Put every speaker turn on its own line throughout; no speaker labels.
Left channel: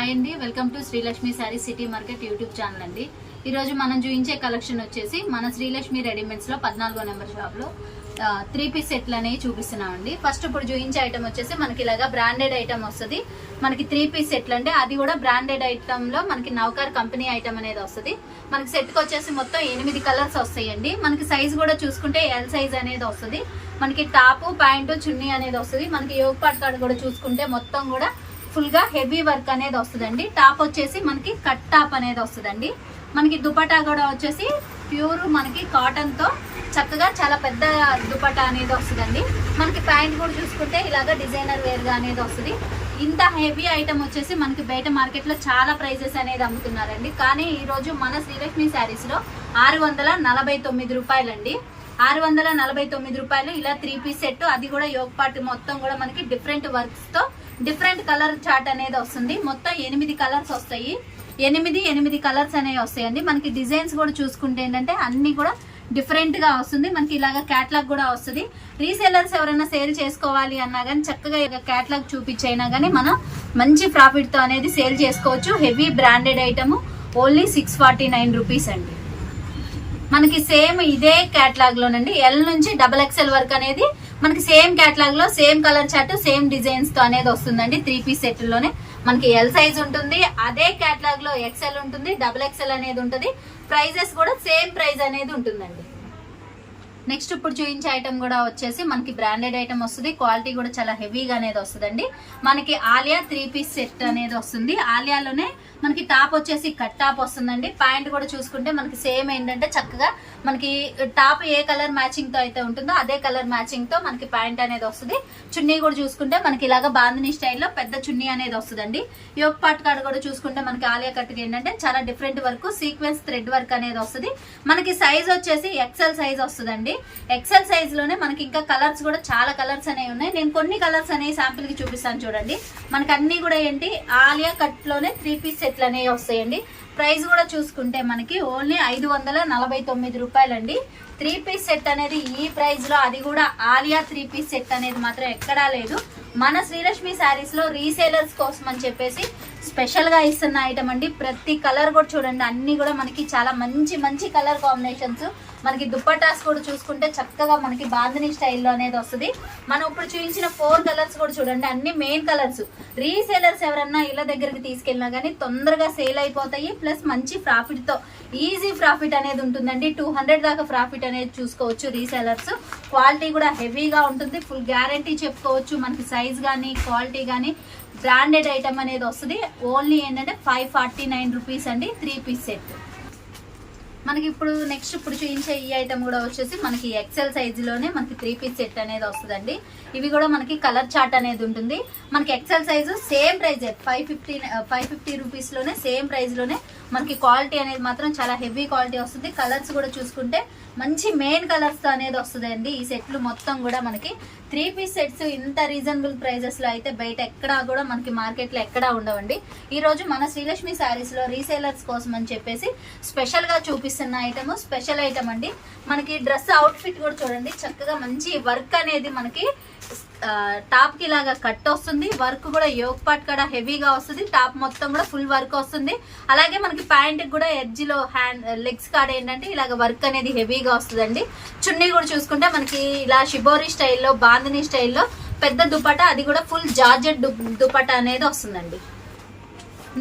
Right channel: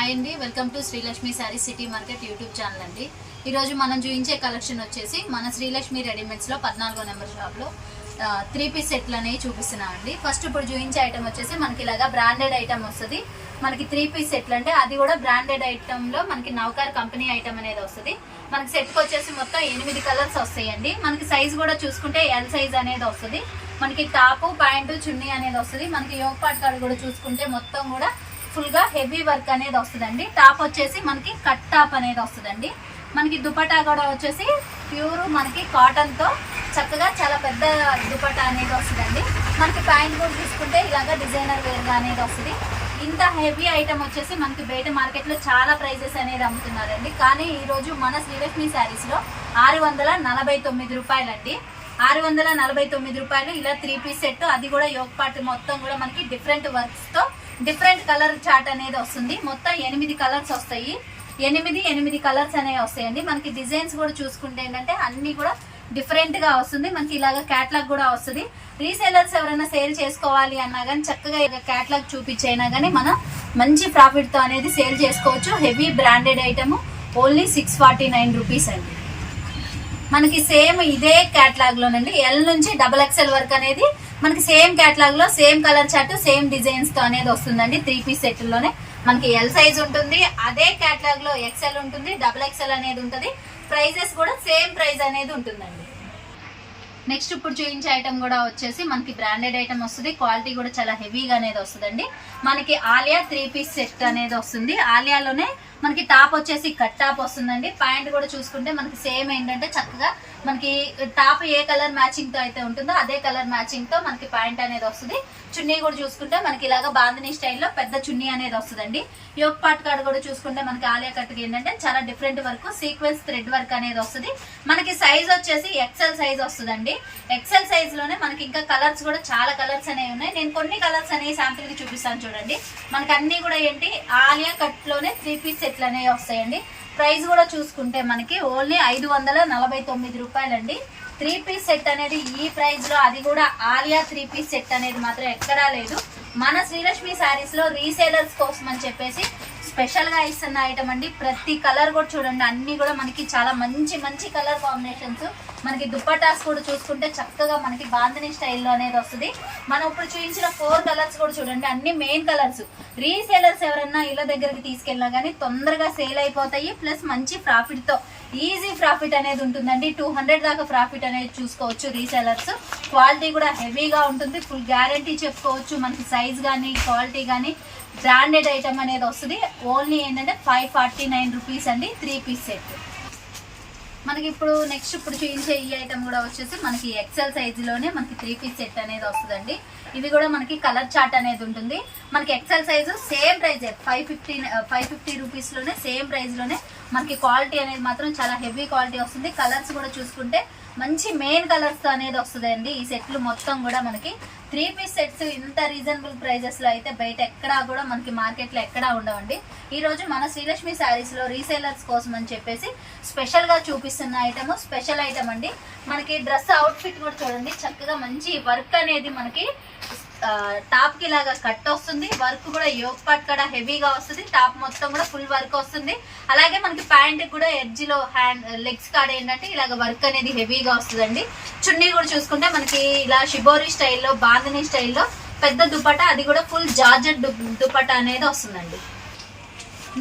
Hi అండి welcome to Srilakshmi sari city market YouTube channel అండి. ఈరోజు మనం చూపించే కలెక్షన్ వచ్చేసి మన శ్రీలక్ష్మి రెడీమేడ్స్లో పద్నాలుగో నెంబర్ షాప్లో త్రీ పీస్ సెట్లు అనేవి చూపిస్తున్నామండి ఫస్ట్ ఇప్పుడు చూపించే ఐటమ్ వచ్చేసి మనకి ఇలాగా బ్రాండెడ్ ఐటమ్ వస్తుంది. మనకి త్రీ పీస్ సెట్లు అంటే అది కూడా బ్రాండెడ్ ఐటమ్లో మనకి నౌకర్ కంపెనీ ఐటమ్ అనేది వస్తుంది. మనకి సెట్కి వచ్చేసి మొత్తం ఎనిమిది కలర్స్ వస్తాయండి. మనకి సైజ్ కూడా చూసుకుంటే ఎల్ సైజ్ అనేది వస్తుంది. మనకి టాపు ప్యాంటు చున్నీ అనేది వస్తుంది. మనకి యోగ పాట్ కూడా చూసుకుంటే మొత్తం కూడా ఫుల్గా హెవీ వర్క్ అనేది వస్తుందండి. టాప్ వచ్చేసి మనకి కట్ టాప్ అనేది వస్తుందండి. మనకి దుపటా కూడా వచ్చేసి ప్యూర్ మనకి కాటన్తో చక్కగా చాలా పెద్ద దుపటా అనేది వస్తుందండి. మనకి ప్యాంట్ కూడా చూసుకుంటే ఇలాగా డిజైనర్ వేర్గా అనేది వస్తుంది. ఇంత హెవీ ఐటమ్ వచ్చేసి మనకి బయట మార్కెట్లో చాలా ప్రైజెస్ అనేది అమ్ముతున్నారండి. కానీ ఈ రోజు మన శ్రీలక్ష్మి శారీస్లో ఆరు వందల నలభై తొమ్మిది రూపాయలండి. ఆరు వందల నలభై తొమ్మిది రూపాయలు ఇలా త్రీ పీస్ సెట్ అది కూడా యోగ మొత్తం కూడా మనకి డిఫరెంట్ వర్క్స్తో డిఫరెంట్ కలర్ చార్ట్ అనేది వస్తుంది. మొత్తం ఎనిమిది కలర్స్ వస్తాయి. ఎనిమిది ఎనిమిది కలర్స్ అనేవి వస్తాయండి. మనకి డిజైన్స్ కూడా చూసుకుంటే ఏంటంటే అన్ని కూడా డిఫరెంట్గా వస్తుంది. మనకి ఇలాగా క్యాట్లాగ్ కూడా వస్తుంది. రీసేలర్స్ ఎవరైనా సేల్ చేసుకోవాలి అన్నా కానీ చక్కగా క్యాట్లాగ్ చూపించైనా కానీ మనం మంచి ప్రాఫిట్తో అనేది సేల్ చేసుకోవచ్చు. Heavy branded item only six forty nine rupees అండి. మనకి సేమ్ ఇదే క్యాట్లాగ్ లోనండి. ఎల్ నుంచి డబల్ ఎక్స్ఎల్ వర్క్ అనేది మనకి సేమ్ కేటలాగ్లో సేమ్ కలర్ చార్ట్ సేమ్ డిజైన్స్తో అనేది వస్తుందండి త్రీ పీస్ సెట్లోనే. మనకి ఎల్ సైజ్ ఉంటుంది అదే కేటలాగ్లో ఎక్స్ఎల్ ఉంటుంది డబుల్ ఎక్స్ఎల్ అనేది ఉంటుంది. ప్రైజెస్ కూడా సేమ్ ప్రైస్ అనేది ఉంటుందండి. నెక్స్ట్ ఇప్పుడు చూపించే ఐటమ్ కూడా వచ్చేసి మనకి బ్రాండెడ్ ఐటమ్ వస్తుంది. క్వాలిటీ కూడా చాలా హెవీగా అనేది వస్తుందండి. మనకి ఆలియా త్రీ పీస్ సెట్ అనేది వస్తుంది. ఆలియాలోనే మనకి టాప్ వచ్చేసి కట్ టాప్ వస్తుందండి. ప్యాంట్ కూడా చూసుకుంటే మనకి సేమ్ ఏంటంటే చక్కగా మనకి టాప్ ఏ కలర్ మ్యాచింగ్తో అయితే ఉంటుందో అదే కలర్ మ్యాచింగ్తో మనకి ప్యాంట్ అనేది వస్తుంది. చున్నీ కూడా చూసుకుంటే మనకి ఇలాగ బాందిని స్టైల్లో పెద్ద చున్నీ అనేది వస్తుందండి. యోగ్ పాట్ కార్డ్ కూడా చూసుకుంటే మనకి ఆలియా కట్ ఏంటంటే చాలా different work sequence thread work అనేది వస్తుంది. మనకి సైజ్ వచ్చేసి ఎక్సెల్ సైజ్ వస్తుందండి. ఎక్సెల్ సైజ్లోనే మనకి ఇంకా కలర్స్ కూడా చాలా కలర్స్ అనేవి ఉన్నాయి. నేను కొన్ని కలర్స్ అనేవి శాంపిల్కి చూపిస్తాను చూడండి. మనకి అన్ని కూడా ఏంటి? ఆలియా కట్లోనే త్రీ పీస్ సెట్లు అనేవి వస్తాయండి? ప్రైస్ కూడా చూసుకుంటే మనకి ఓన్లీ ఐదు వందల నలభై తొమ్మిది రూపాయలండి. త్రీ పీస్ సెట్ అనేది ఈ ప్రైస్లో అది కూడా ఆలియా త్రీ పీస్ సెట్ అనేది మాత్రం ఎక్కడా లేదు. మన శ్రీలక్ష్మి శారీస్లో రీసేలర్స్ కోసం అని చెప్పేసి స్పెషల్గా ఇస్తున్న ఐటమ్ అండి. ప్రతి కలర్ కూడా చూడండి అన్నీ కూడా మనకి చాలా మంచి మంచి కలర్ కాంబినేషన్స్ మనకి దుప్పటాస్ కూడా చూసుకుంటే చక్కగా మనకి బాంధని స్టైల్లో అనేది వస్తుంది. మనం ఇప్పుడు చూపించిన ఫోర్ కలర్స్ కూడా చూడండి అన్ని మెయిన్ కలర్స్. రీసేలర్స్ ఎవరన్నా ఇళ్ళ దగ్గరికి తీసుకెళ్ళినా కానీ తొందరగా సేల్ అయిపోతాయి ప్లస్ మంచి ప్రాఫిట్తో ఈజీ ప్రాఫిట్ అనేది ఉంటుందండి. టూ హండ్రెడ్ దాకా ప్రాఫిట్ అనేది చూసుకోవచ్చు రీసేలర్స్. క్వాలిటీ కూడా హెవీగా ఉంటుంది. ఫుల్ గ్యారంటీ చెప్పుకోవచ్చు. మనకి సైజ్ కానీ క్వాలిటీ కానీ బ్రాండెడ్ ఐటమ్ అనేది వస్తుంది. ఓన్లీ ఏంటంటే ఫైవ్ ఫార్టీ నైన్ రూపీస్ అండి. Three piece set. మనకి ఇప్పుడు నెక్స్ట్ ఇప్పుడు చూపించే ఈ ఐటమ్ కూడా వచ్చేసి మనకి ఎక్సెల్ సైజ్లోనే మనకి త్రీ పీస్ సెట్ అనేది వస్తుందండి. ఇవి కూడా మనకి కలర్ చార్ట్ అనేది ఉంటుంది. మనకి ఎక్సెల్ సైజు సేమ్ ప్రైజే ఫైవ్ ఫిఫ్టీ ఫైవ్ ఫిఫ్టీ రూపీస్లోనే సేమ్ ప్రైస్లోనే మనకి క్వాలిటీ అనేది మాత్రం చాలా హెవీ క్వాలిటీ వస్తుంది. కలర్స్ కూడా చూసుకుంటే మంచి మెయిన్ కలర్స్ అనేది వస్తుందండి. ఈ సెట్లు మొత్తం కూడా మనకి త్రీ పీస్ సెట్స్ ఇంత రీజనబుల్ ప్రైజెస్లో అయితే బయట ఎక్కడా కూడా మనకి మార్కెట్లో ఎక్కడా ఉండవండి. ఈ రోజు మన శ్రీలక్ష్మి శారీస్లో రీసేలర్స్ కోసం అని చెప్పేసి స్పెషల్గా చూపిస్తున్న ఐటమ్ స్పెషల్ ఐటమ్ అండి. మనకి డ్రెస్ అవుట్ ఫిట్ కూడా చూడండి. చక్కగా మంచి వర్క్ అనేది మనకి టాప్కి ఇలాగా కట్ వస్తుంది. వర్క్ కూడా యోగ్ పాట్ కూడా హెవీగా వస్తుంది. టాప్ మొత్తం కూడా ఫుల్ వర్క్ వస్తుంది. అలాగే మనకి ప్యాంట్ కూడా ఎడ్జ్లో హ్యాండ్ లెగ్స్ కాడ ఏంటంటే ఇలాగ వర్క్ అనేది హెవీగా వస్తుందండి. చున్నీ కూడా చూసుకుంటే మనకి ఇలా షిబోరి స్టైల్లో బాంధనీ స్టైల్లో పెద్ద దుపట అది కూడా ఫుల్ జార్జెట్ దుపట అనేది వస్తుందండి.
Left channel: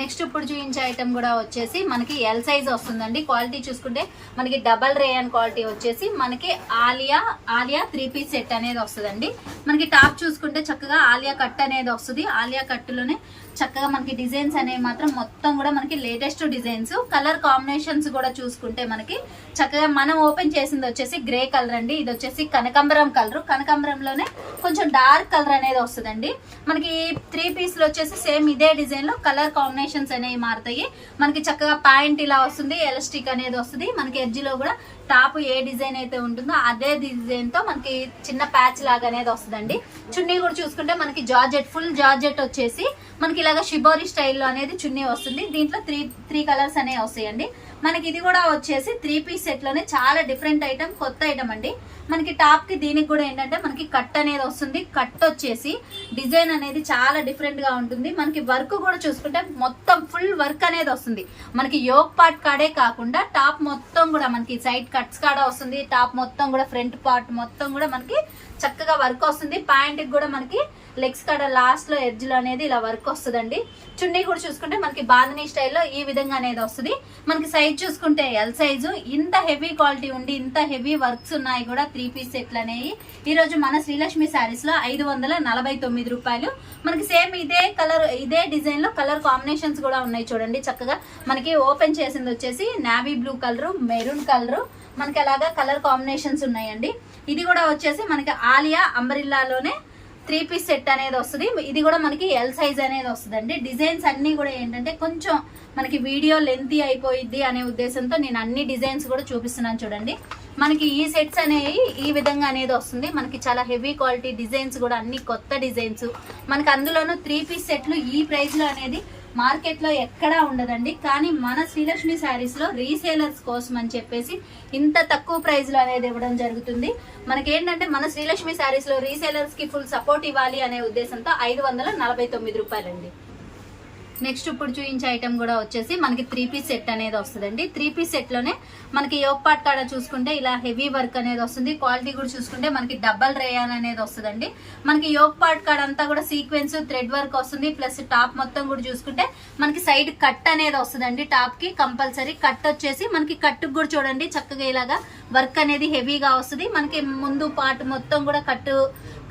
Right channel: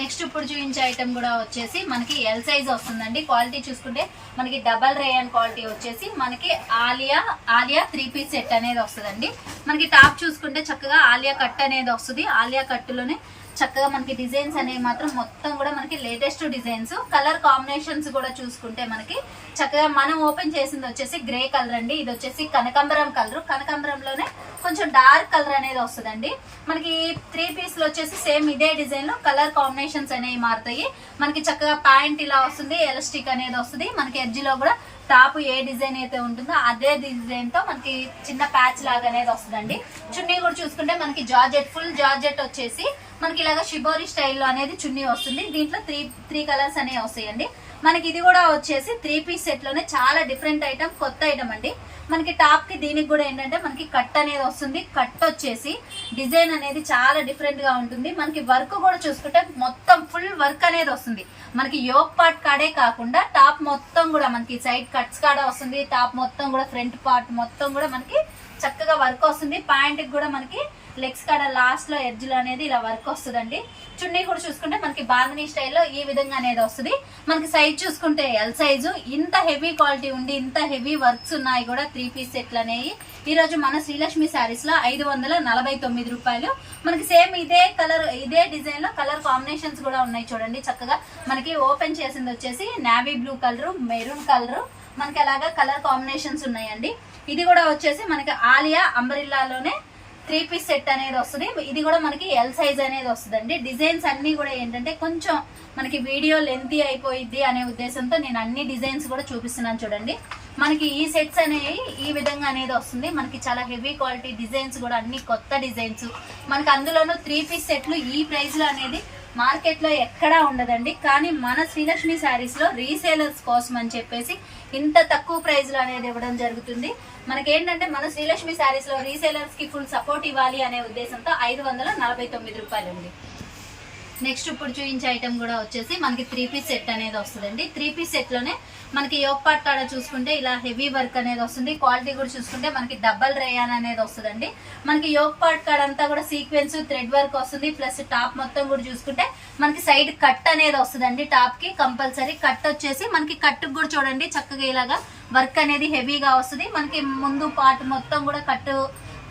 నెక్స్ట్ ఇప్పుడు చూపించే ఐటమ్ కూడా వచ్చేసి మనకి ఎల్ సైజ్ వస్తుందండి. క్వాలిటీ చూసుకుంటే మనకి డబల్ రేయన్ క్వాలిటీ వచ్చేసి మనకి Alia Alia three piece set అనేది వస్తుందండి. మనకి టాప్ చూసుకుంటే చక్కగా ఆలియా కట్ అనేది వస్తుంది. ఆలియా కట్టులోనే చక్కగా మనకి డిజైన్స్ అనేవి మాత్రం మొత్తం కూడా మనకి లేటెస్ట్ డిజైన్స్. కలర్ కాంబినేషన్స్ కూడా చూసుకుంటే మనకి చక్కగా మనం ఓపెన్ చేసింది వచ్చేసి గ్రే కలర్ అండి. ఇది వచ్చేసి కనకాంబరం కలర్ కనకాంబరంలోనే కొంచెం డార్క్ కలర్ అనేది వస్తుందండి. మనకి త్రీ పీస్లు వచ్చేసి సేమ్ ఇదే డిజైన్లో కలర్ కాంబినేషన్స్ అనేవి మారుతాయి. మనకి చక్కగా ప్యాంట్ ఇలా వస్తుంది ఎలాస్టిక్ అనేది వస్తుంది. మనకి ఎడ్జిలో కూడా టాప్ ఏ డిజైన్ అయితే ఉంటుందో అదే డిజైన్తో మనకి చిన్న ప్యాచ్ లాగా అనేది వస్తుందండి. చున్నీ కూడా చూసుకుంటే మనకి జార్జెట్ ఫుల్ జార్జెట్ వచ్చేసి మనకి ఇలాగ షిబోరి స్టైల్లో అనేది చున్నీ వస్తుంది. దీంట్లో త్రీ త్రీ కలర్స్ అనేవి వస్తాయండి. మనకి ఇది కూడా వచ్చేసి త్రీ పీస్ సెట్లోనే చాలా డిఫరెంట్ ఐటమ్ కొత్త ఐటమ్ అండి. మనకి టాప్కి దీనికి కూడా ఏంటంటే మనకి కట్ అనేది వస్తుంది. కట్ వచ్చేసి డిజైన్ అనేది చాలా డిఫరెంట్గా ఉంటుంది. మనకి వర్క్ కూడా చూసుకుంటే మొత్తం ఫుల్ వర్క్ అనేది వస్తుంది. మనకి యోగ్ పార్ట్ కాడే కాకుండా టాప్ మొత్తం కూడా మనకి సైడ్ కట్స్ కాడ వస్తుంది. టాప్ మొత్తం కూడా ఫ్రంట్ పార్ట్ మొత్తం కూడా మనకి చక్కగా వర్క్ వస్తుంది. ప్యాంట్ కూడా మనకి లెగ్స్ కాడ లాస్ట్లో ఎడ్జ్లో అనేది ఇలా వర్క్ వస్తుందండి. చున్నీ కూడా చూసుకుంటే మనకి బాంధనీ స్టైల్లో ఈ విధంగా అనేది వస్తుంది. మనకి సైజ్ చూసుకుంటే ఎల్ సైజు ఇంత హెవీ క్వాలిటీ ఉండి ఇంత హెవీ వర్క్స్ ఉన్నాయి కూడా త్రీ పీస్ సెట్లు అనేవి. ఈ రోజు మన శ్రీలక్ష్మి శారీస్లో ఐదు వందల నలభై తొమ్మిది రూపాయలు. మనకి సేమ్ ఇదే కలర్ ఇదే డిజైన్లో కలర్ కాంబినేషన్స్ కూడా ఉన్నాయి చూడండి చక్కగా. మనకి ఓపెన్ చేసింది వచ్చేసి navy blue colour maroon colour మనకి అలాగా కలర్ కాంబినేషన్స్ ఉన్నాయండి. ఇది కూడా వచ్చేసి మనకి ఆలియా అంబరిల్లాలోనే త్రీ పీస్ సెట్ అనేది వస్తుంది. ఇది కూడా మనకి ఎల్ సైజ్ అనేది వస్తుందండి. డిజైన్స్ అన్ని కూడా ఏంటంటే కొంచెం మనకి వీడియో లెంతీ అయిపోయిద్ది అనే ఉద్దేశంతో నేను అన్ని డిజైన్స్ కూడా చూపిస్తున్నాను చూడండి. మనకి ఈ సెట్స్ అనేవి ఈ విధంగా అనేది వస్తుంది. మనకి చాలా హెవీ క్వాలిటీ డిజైన్స్ కూడా అన్ని కొత్త డిజైన్స్. మనకి అందులోనూ త్రీ పీస్ సెట్లు ఈ ప్రైస్లో అనేది మార్కెట్లో ఎక్కడా ఉండదండి. కానీ మన శ్రీలక్ష్మి శారీస్లో రీసేలర్స్ కోసం అని చెప్పేసి ఇంత తక్కువ ప్రైస్లో అనేది ఇవ్వడం జరుగుతుంది. మనకి ఏంటంటే మన శ్రీలక్ష్మి శారీస్లో రీసేలర్స్కి ఫుల్ సపోర్ట్ ఇవ్వాలి అనే ఉద్దేశంతో ఐదు వందల నలభై తొమ్మిది రూపాయలండి. నెక్స్ట్ ఇప్పుడు చూపించే ఐటమ్ కూడా వచ్చేసి మనకి త్రీ పీస్ సెట్ అనేది వస్తుందండి. త్రీ పీస్ సెట్లోనే మనకి యోగ్ పార్ట్ కాడ చూసుకుంటే ఇలా హెవీ వర్క్ అనేది వస్తుంది. క్వాలిటీ కూడా చూసుకుంటే మనకి డబల్ రేయాన్ అనేది వస్తుందండి. మనకి యోగ్ పార్ట్ కాడ అంతా కూడా సీక్వెన్స్ థ్రెడ్ వర్క్ వస్తుంది. ప్లస్ టాప్ మొత్తం కూడా చూసుకుంటే మనకి సైడ్ కట్ అనేది వస్తుందండి. టాప్కి కంపల్సరీ కట్ వచ్చేసి మనకి కట్ కూడా చూడండి. చక్కగా ఇలాగా వర్క్ అనేది హెవీగా వస్తుంది. మనకి ముందు పార్ట్ మొత్తం కూడా కట్టు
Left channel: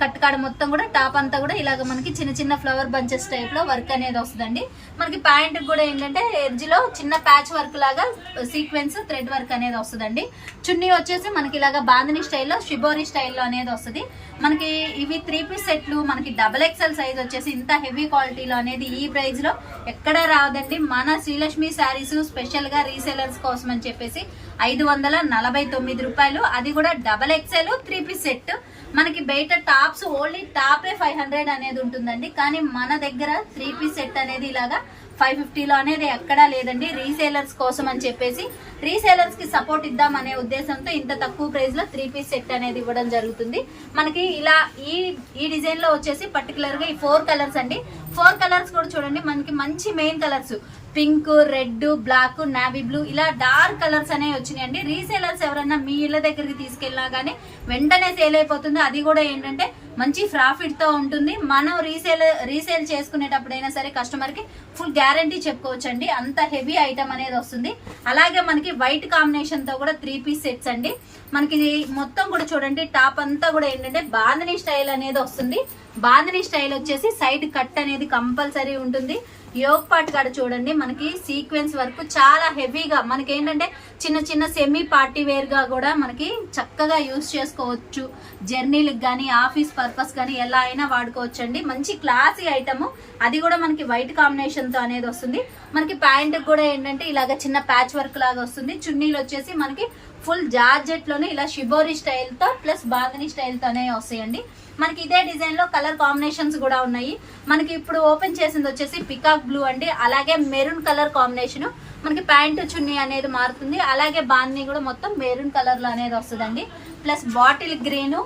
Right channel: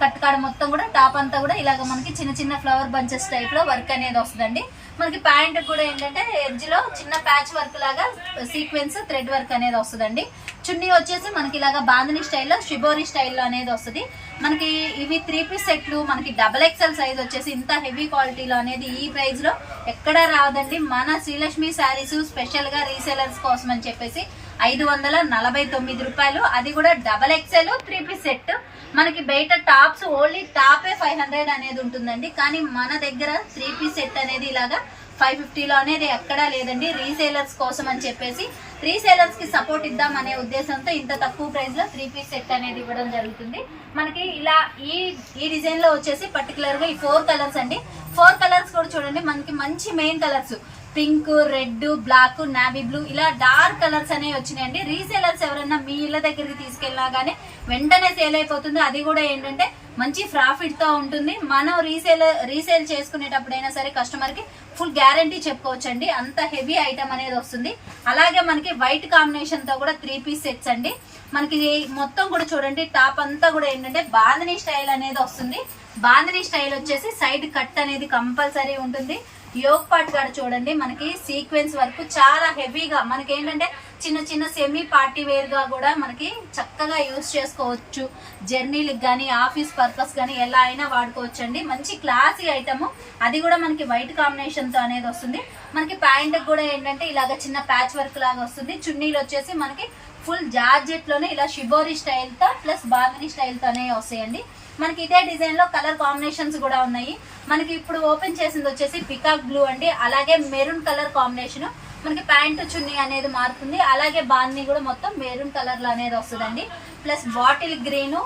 కట్ కాడ మొత్తం కూడా టాప్ అంతా కూడా ఇలాగ మనకి చిన్న చిన్న ఫ్లవర్ బంచెస్ టైప్లో వర్క్ అనేది వస్తుందండి. మనకి ప్యాంట్ కూడా ఏంటంటే ఎడ్జ్లో చిన్న ప్యాచ్ వర్క్ లాగా సీక్వెన్స్ థ్రెడ్ వర్క్ అనేది వస్తుందండి. చున్నీ వచ్చేసి మనకి ఇలాగ బాంధని స్టైల్లో షిబోరి స్టైల్లో అనేది వస్తుంది. మనకి ఇవి త్రీ పీస్ సెట్లు మనకి డబల్ ఎక్సెల్ సైజ్ వచ్చేసి ఇంత హెవీ క్వాలిటీలో అనేది ఈ ప్రైస్లో ఎక్కడ రాదండి. మన శ్రీలక్ష్మి శారీస్ స్పెషల్గా రీసేలర్స్ కోసం అని చెప్పేసి ఐదు వందల నలభై తొమ్మిది రూపాయలు. అది కూడా double XL three piece set మనకి బయట టాప్స్ ఓన్లీ టాపే ఫైవ్ హండ్రెడ్ అనేది ఉంటుందండి. కానీ మన దగ్గర త్రీ పీస్ సెట్ అనేది ఇలాగా ఫైవ్ ఫిఫ్టీలో అనేది ఎక్కడా లేదండి. రీసేలర్స్ కోసం అని చెప్పేసి రీసేలర్స్కి సపోర్ట్ ఇద్దాం అనే ఉద్దేశంతో ఇంత తక్కువ ప్రైస్లో త్రీ పీస్ సెట్ అనేది ఇవ్వడం జరుగుతుంది. మనకి ఇలా ఈ ఈ డిజైన్లో వచ్చేసి పర్టికులర్గా ఈ ఫోర్ కలర్స్ అండి. ఫోర్ కలర్స్ కూడా చూడండి. మనకి మంచి main colours. Pink red black navy blue ఇలా డార్క్ కలర్స్ అనేవి వచ్చినాయండి. రీసేలర్స్ ఎవరైనా మీ ఇళ్ళ దగ్గరికి తీసుకెళ్ళినా గానీ వెంటనే సేల్ అయిపోతుంది. అది కూడా ఏంటంటే మంచి ప్రాఫిట్తో ఉంటుంది. మనం రీసేల్ రీసేల్ చేసుకునేటప్పుడైనా సరే కస్టమర్కి ఫుల్ గ్యారంటీ చెప్పుకోవచ్చండి. అంత హెవీ ఐటమ్ అనేది వస్తుంది. అలాగే మనకి వైట్ కాంబినేషన్తో కూడా త్రీ పీస్ సెట్స్ అండి. మనకి ఇది మొత్తం కూడా చూడండి. టాప్ అంతా కూడా ఏంటంటే బాంధనీ స్టైల్ అనేది వస్తుంది. బాంధనీ స్టైల్ వచ్చేసి సైడ్ కట్ అనేది కంపల్సరీ ఉంటుంది. యోగ్ పార్ట్ గారు చూడండి మనకి సీక్వెన్స్ వరకు చాలా హెవీగా మనకి ఏంటంటే చిన్న చిన్న సెమీ పార్టీ వేర్గా కూడా మనకి చక్కగా యూజ్ చేసుకోవచ్చు. జర్నీలకు కానీ ఆఫీస్ పర్పస్ కానీ ఎలా అయినా వాడుకోవచ్చు అండి మంచి క్లాసీ ఐటమ్ అది కూడా మనకి వైట్ కాంబినేషన్తో అనేది వస్తుంది. మనకి ప్యాంట్ కూడా ఏంటంటే ఇలాగ చిన్న ప్యాచ్ వర్క్ లాగా వస్తుంది. చున్నీలు వచ్చేసి మనకి ఫుల్ జార్జెట్లోనే ఇలా షిబోరి స్టైల్తో ప్లస్ బాగిని స్టైల్ తోనే వస్తాయండి. మనకి ఇదే డిజైన్లో కలర్ కాంబినేషన్స్ కూడా ఉన్నాయి. మనకి ఇప్పుడు ఓపెన్ చేసింది వచ్చేసి పికాక్ బ్లూ అండి. అలాగే మెరూన్ కలర్ కాంబినేషన్ మనకి ప్యాంటు చున్నీ అనేది మారుతుంది. అలాగే బాన్ని కూడా మొత్తం మెరూన్ కలర్లో అనేది వస్తుందండి. Plus bottle green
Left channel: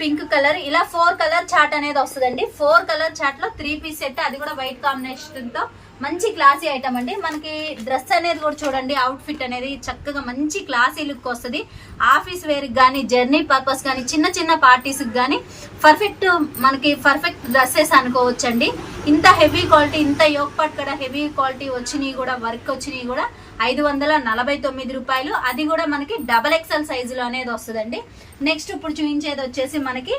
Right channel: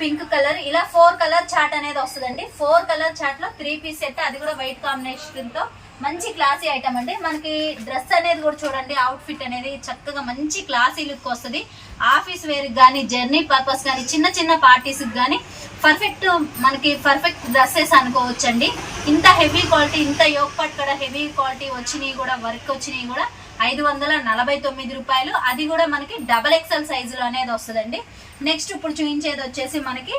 pink colour ఇలా ఫోర్ కలర్ చాట్ అనేది వస్తుందండి. ఫోర్ కలర్ చాట్లో త్రీ పీస్ సెట్ అది కూడా వైట్ కాంబినేషన్తో మంచి క్లాసీ ఐటమ్ అండి. మనకి డ్రెస్ అనేది కూడా చూడండి అవుట్ ఫిట్ అనేది చక్కగా మంచి క్లాసీ లుక్ వస్తుంది. ఆఫీస్ వేర్ కానీ జర్నీ పర్పస్ కానీ చిన్న చిన్న పార్టీస్ కానీ పర్ఫెక్ట్ మనకి పర్ఫెక్ట్ డ్రెస్సెస్ అనుకోవచ్చండి. ఇంత హెవీ క్వాలిటీ ఇంత యోగ్ పట్ కూడా హెవీ క్వాలిటీ వచ్చినాయి కూడా వర్క్ వచ్చినాయి కూడా ఐదు వందల నలభై తొమ్మిది రూపాయలు. అది కూడా మనకి డబల్ ఎక్సెల్ సైజులో అనేది వస్తుందండి. నెక్స్ట్ ఇప్పుడు చూపించేది వచ్చేసి మనకి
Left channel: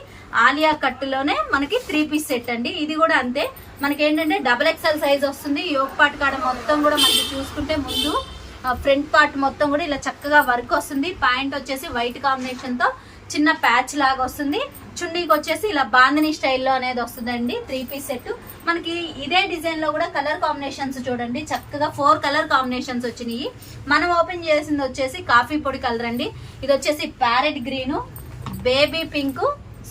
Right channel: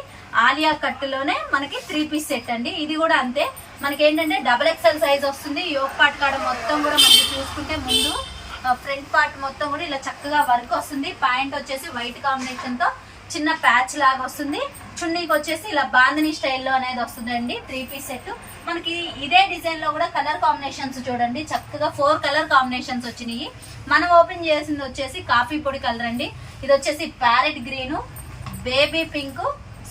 ఆలియా కట్టులోనే మనకి త్రీ పీస్ సెట్ అండి. ఇది కూడా అంతే. మనకి ఏంటంటే డబల్ ఎక్సెల్ సైజ్ వస్తుంది. యోగ్ పాట్ కాడ మొత్తం కూడా మనకి చూసుకుంటే ముందు ఫ్రంట్ పార్ట్ మొత్తం కూడా ఇలా చక్కగా వర్క్ వస్తుంది. ప్యాంట్ వచ్చేసి వైట్ కాంబినేషన్తో చిన్న ప్యాచ్ లాగా వస్తుంది. చున్నీకి వచ్చేసి ఇలా బాందని స్టైల్లో అనేది వస్తుందండి. త్రీ పీస్ సెట్ మనకి ఇదే డిజైన్లో కూడా కలర్ కాంబినేషన్స్ చూడండి. చక్కగా ఫోర్ కలర్ కాంబినేషన్స్ వచ్చినాయి. మనం ఓపెన్ చేసింది వచ్చేసి కాఫీ పొడి కలర్ అండి. ఇది వచ్చేసి parrot green baby pink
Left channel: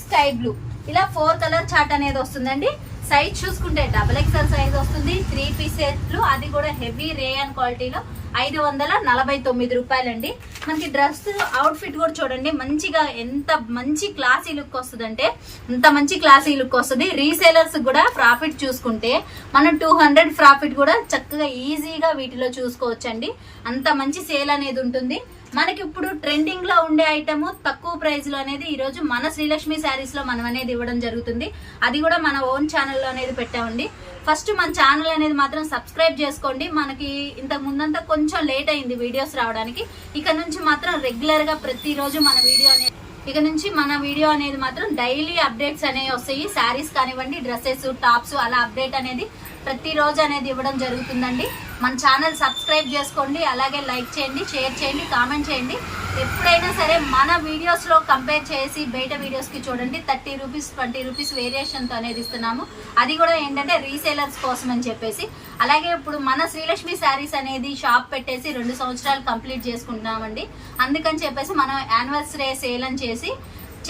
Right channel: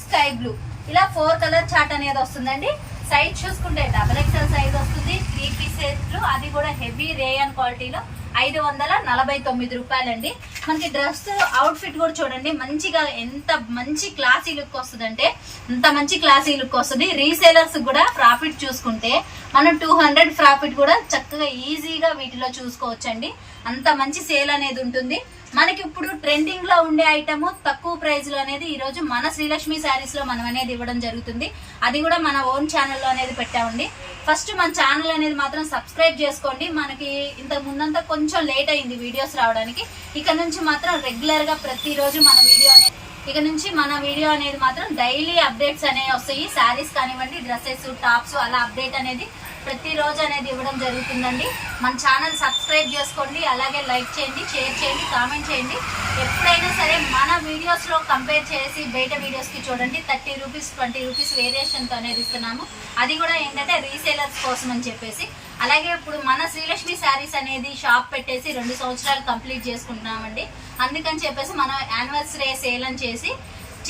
sky blue ఇలా ఫోర్ కలర్ చాట్ అనేది వస్తుందండి. సైజ్ చూసుకుంటే డబల్ ఎక్సెల్ సైజ్ వస్తుంది. త్రీ పీస్ సెట్లు అది కూడా హెవీ రేయన్ క్వాలిటీలో ఐదు వందల నలభై తొమ్మిది రూపాయలండి. మనకి డ్రెస్ అవుట్ఫిట్ కూడా చూడండి. మంచిగా ఎంత మంచి క్లాసీ లుక్ వస్తుందంటే అంత మంచి క్లాసీ లుక్ వస్తుంది. రీసేలర్స్ కూడా ప్రాఫిట్ చూసుకుంటే మనం టూ హండ్రెడ్ ప్రాఫిట్ కూడా చక్కగా ఈజీగా వీటిలో చూసుకోవచ్చండి. అంత మంచి సేల్ అనేది ఉంటుంది. మనకి ఇప్పుడు ట్రెండింగ్లో ఉండే ఐటమ్ తక్కువ ప్రైస్లో అనేది ఈ రోజు మన శ్రీలక్ష్మి శారీస్లో మనం అనేది ఇవ్వడం జరుగుతుంది. అది కూడా మన ఓన్ ఛానల్లో అనేది పెట్టామండి. ఫస్ట్ మన ఛానల్ అనేది మాత్రం సబ్స్క్రైబ్ చేసుకోండి. మనకి ఇంతకు ముందంతా కొంచెం లేట్ అయింది వీడియోస్ రావడానికి. ఇక నుంచి మాత్రం రెగ్యులర్గా ప్రతిరోజు మన వీడియో అనేది ఇక నుంచి మన వీడియో అనేది మాత్రం డైలీ అప్డేట్స్ అనేవి వస్తాయి. శారీస్ కానివ్వండి డ్రెస్సెస్ టాప్స్ అలా అప్డేట్ అనేది ప్రతిరోజు అనేది ఇవ్వడం జరుగుతుందండి. మన ఛానల్ సబ్స్క్రైబ్ చేసుకోండి అలాగే లైక్ చేయండి షేర్ చేయండి కామెంట్ చేయండి. ఎప్పుడైనా సరే మన వీడియోస్లో కంపేర్ చేసి బయట వీడియోస్కి చూడండి. థర్టీ రూపీస్ ట్వంటీ రూపీస్ వేరియేషన్తో అనేది ఇస్తున్నాము. అది కూడా ఏంటంటే రీసేలర్స్ కోసం అని చెప్పేసి. అలాగే ఇప్పుడు మన శ్రీలక్ష్మి శారీస్ అనేది షాప్ పెట్టేసి రెండు సంవత్సరాలు కంప్లీట్ చేసుకుంటున్నామండి. అందుకని చెప్పేసి మనం యానివర్సరీ సేల్ అని చేసి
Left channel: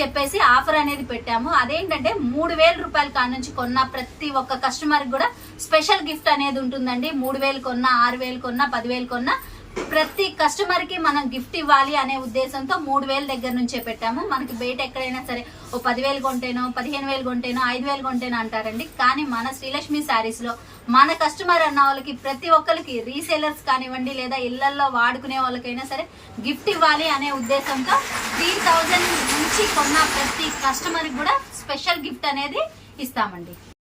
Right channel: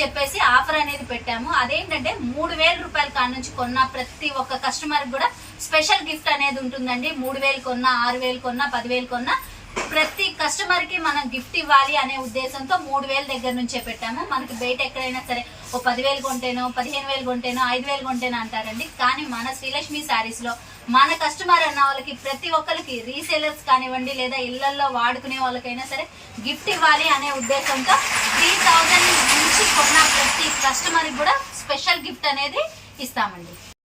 చెప్పేసి ఆఫర్ అనేది పెట్టాము. అదేంటంటే మూడు వేల రూపాయల కాడ నుంచి కొన్న ప్రతి ఒక్క కస్టమర్ కూడా స్పెషల్ గిఫ్ట్ అనేది ఉంటుందండి. మూడు వేలు కొన్నా ఆరు వేలు కొన్నా పదివేలు కొన్నా ప్రతి కస్టమర్కి మనం గిఫ్ట్ ఇవ్వాలి అనే ఉద్దేశంతో మూడు వేల దగ్గర నుంచే పెట్టాము. మనకి బయట ఎక్కడైనా సరే ఓ పదివేలు కొంటేనో పదిహేను వేలు కొంటేనో ఐదు వేలు కొంటేనో అంటారండి. కానీ మన శ్రీలక్ష్మి శారీస్లో మన కస్టమర్ అన్న వాళ్ళకి ప్రతి ఒక్కరికి రీసేలర్స్ కానివ్వండి లేదా ఇళ్ళలో వాడుకునే వాళ్ళకైనా సరే గిఫ్ట్ ఇవ్వాలి అనే ఉద్దేశంతో త్రీ థౌజండ్ నుంచి కొన్న ప్రతి కస్టమర్కి కూడా స్పెషల్ గిఫ్ట్ అనేది ఇస్తామండి.